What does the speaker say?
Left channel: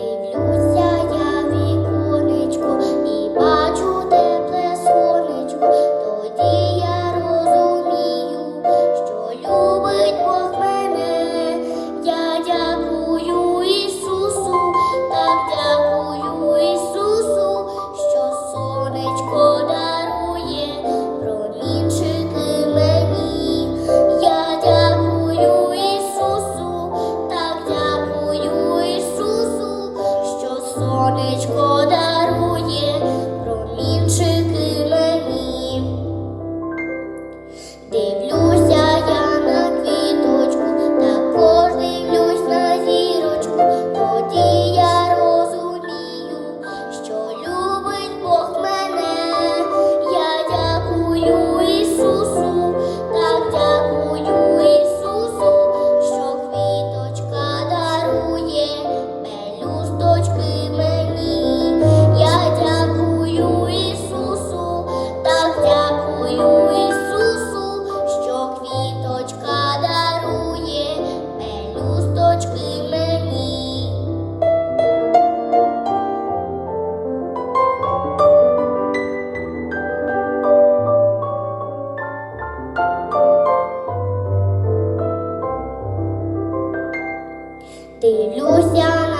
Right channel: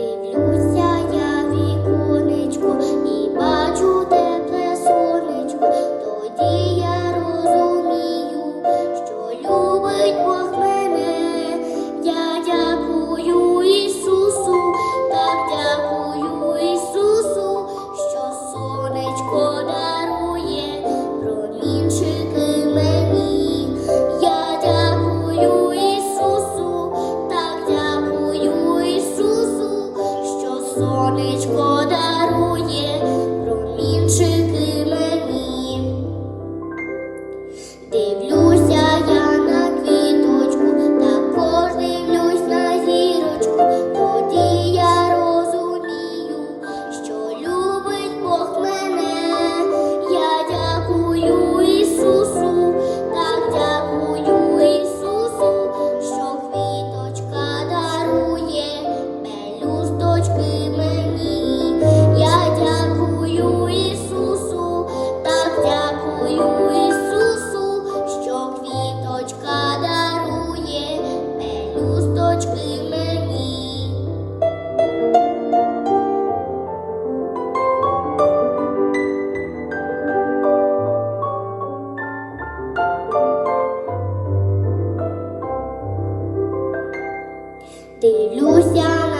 they look Dev 得录像啊。